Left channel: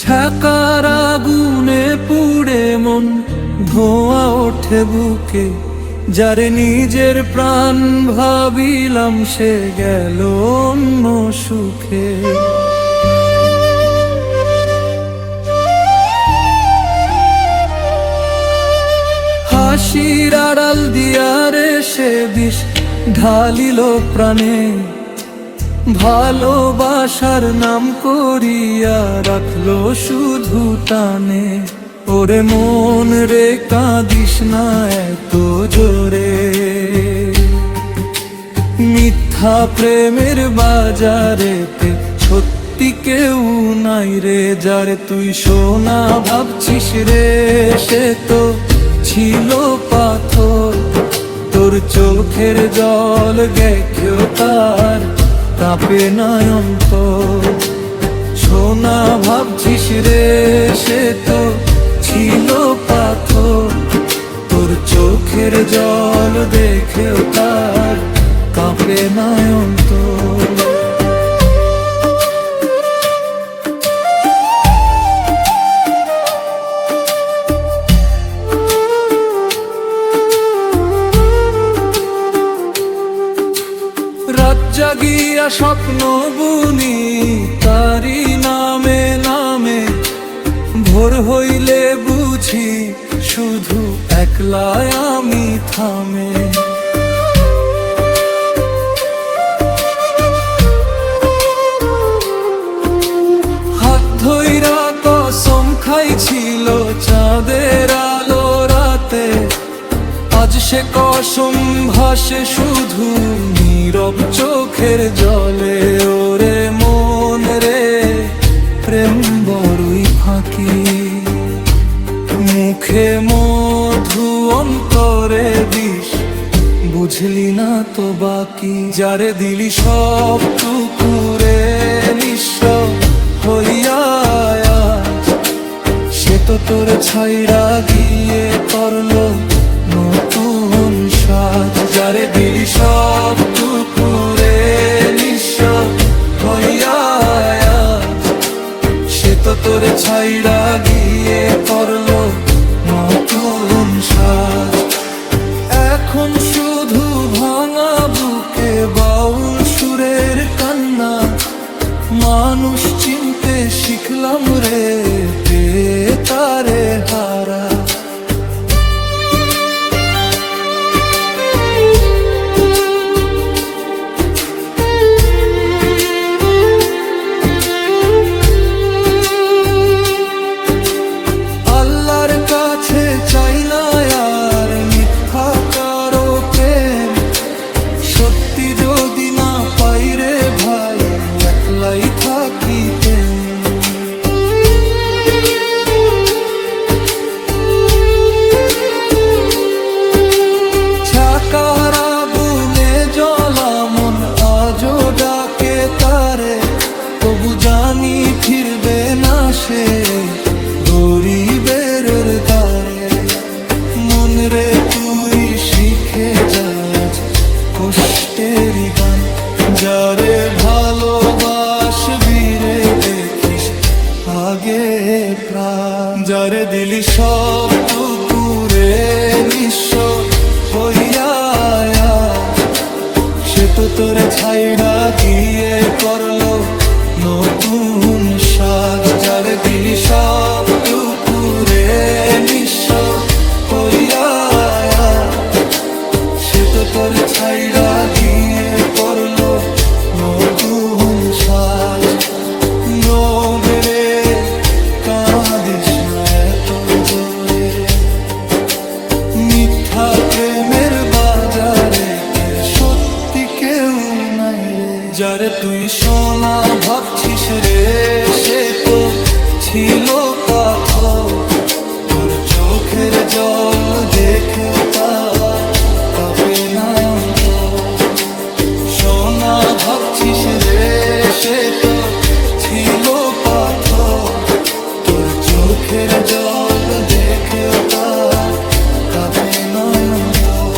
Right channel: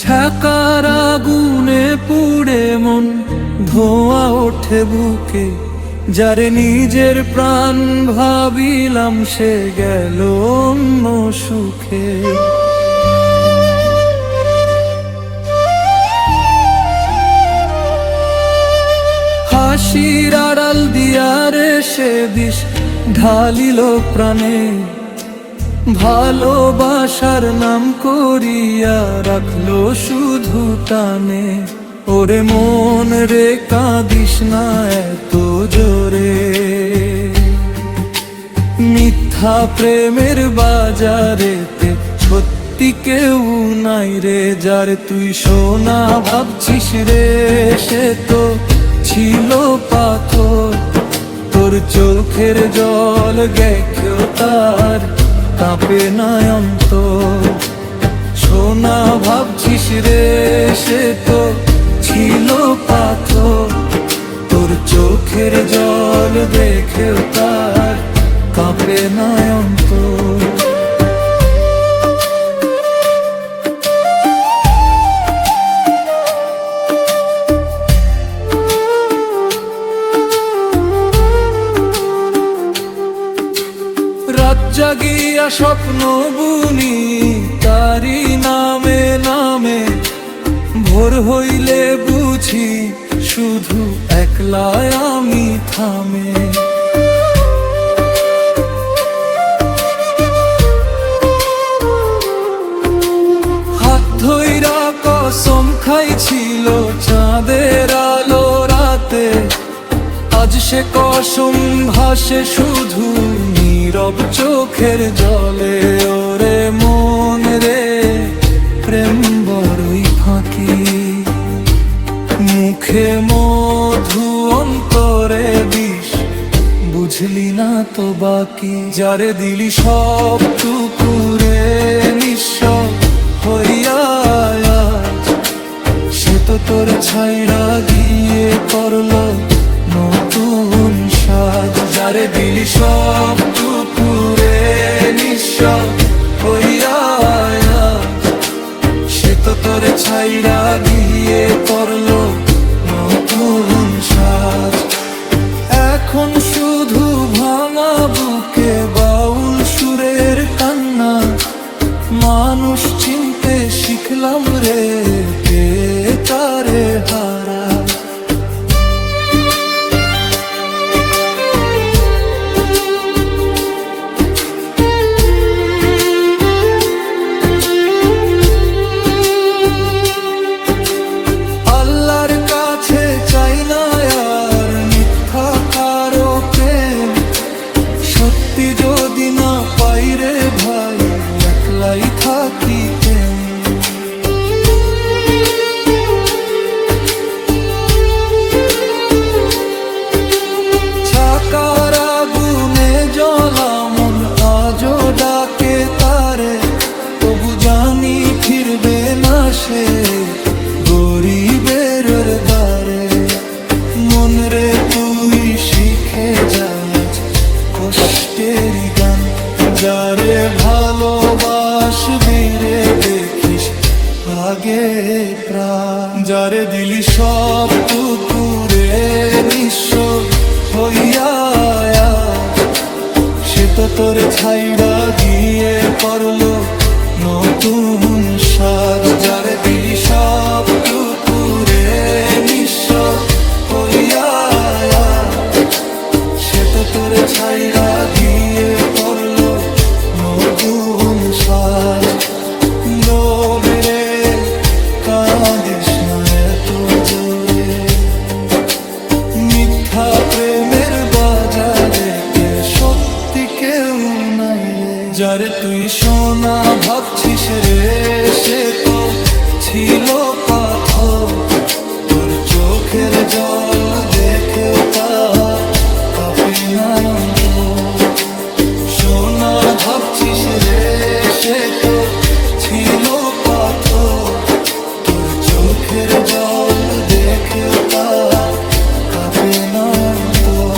ছাকার আগুনে পুড়ে মন ধোঁয়া ওঠে বুকে, যারে নিজের প্রাণ ভাবিলাম সে গেল অন্য সুখে। হাসির আড়াল দিয়ারে সে বিষ ঢালিল প্রাণে, ভালোবাসার নাম করিয়া রাখলো শুধু টানে। ওরে মন রে কাঁদিস না এত জোরে, মিথ্যা প্রেমের বাজারেতে সত্যি কেউ নাই রে। যারে তুই সোনা ভাবছিস রে সে তো ছিল পাথর, তোর চোখের জল গেছেও তার কাঁপে না অন্তর। সোনা ভাবছিস রে সে তো ছিল পাথর, তোর চোখের জল দেখেও তার কাঁপে না অন্তর। রাত জাগিয়া স্বপ্ন বুনি তারি নামে নামে, ভোর হইলে বুঝি শুধু একলাই আমি থামে। হাত ধইরা কসম খাইছিল চাঁদের আলো রাতে, আজ সে কসম ভাসে শুধু নীরব চোখের জলে। ওরে মন রে প্রেম বড়ই ফাঁকি, মুখে মধু অন্তরে বিষ, বুঝলি না তো বাকি। যারে দিলি সব টুকুরে নিঃস্ব হইয়া আজ, সে তো তোর ছাইড়া গিয়ে করলো নতুন সাজ। যারে দিলি সব টুকুরে নিঃস্ব হইয়া আজ, সে তো তোর ছাইড়া গিয়ে করলো নতুন সাজ। এখন শুধু ভাঙা বুকে বাউল সুরের কান্না, মানুষ চিনতে শিখলাম রে পেয়ে তারে হারা। আল্লাহর কাছে চাই না আর মিথ্যা কারো প্রেম, সত্যি যদি না পাই রে ভাই একলাই থাকিতেন। ছাকার আগুনে জ্বলা মন আজও ডাকে তারে, তবু জানি ফিরবে না সে গরিবের দ্বারে। মন রে তুই শিখে যায় আজ কষ্টেরই গান, যারে ভালোবাসবি রে দেখিস আগে প্রাণ। যারে দিলি সব টুকুরে নিঃস্ব হইয়া আজ, সে তো তোরে ছাইড়া গিয়ে করলো নতুন সাজ। যারে দিলি সব টুকুরে নিঃস্ব হইয়া আজ, সে তো তোরে ছাইড়া গিয়ে করলো নতুন সাজ। রে কাঁদিস না এত জোরে, মিথ্যা প্রেমের বাজারেতে সত্যি কেউ নাই রে। যারে তুই সোনা ভাবছিস রে সে তো ছিল পাথর, তোর চোখের জল দেখেও তার কাঁপে না অন্তর। সোনা ভাবছিস রে সে তো ছিল পাথর, তোর চোখের জল দেখেও তার কাঁপে না অন্তর।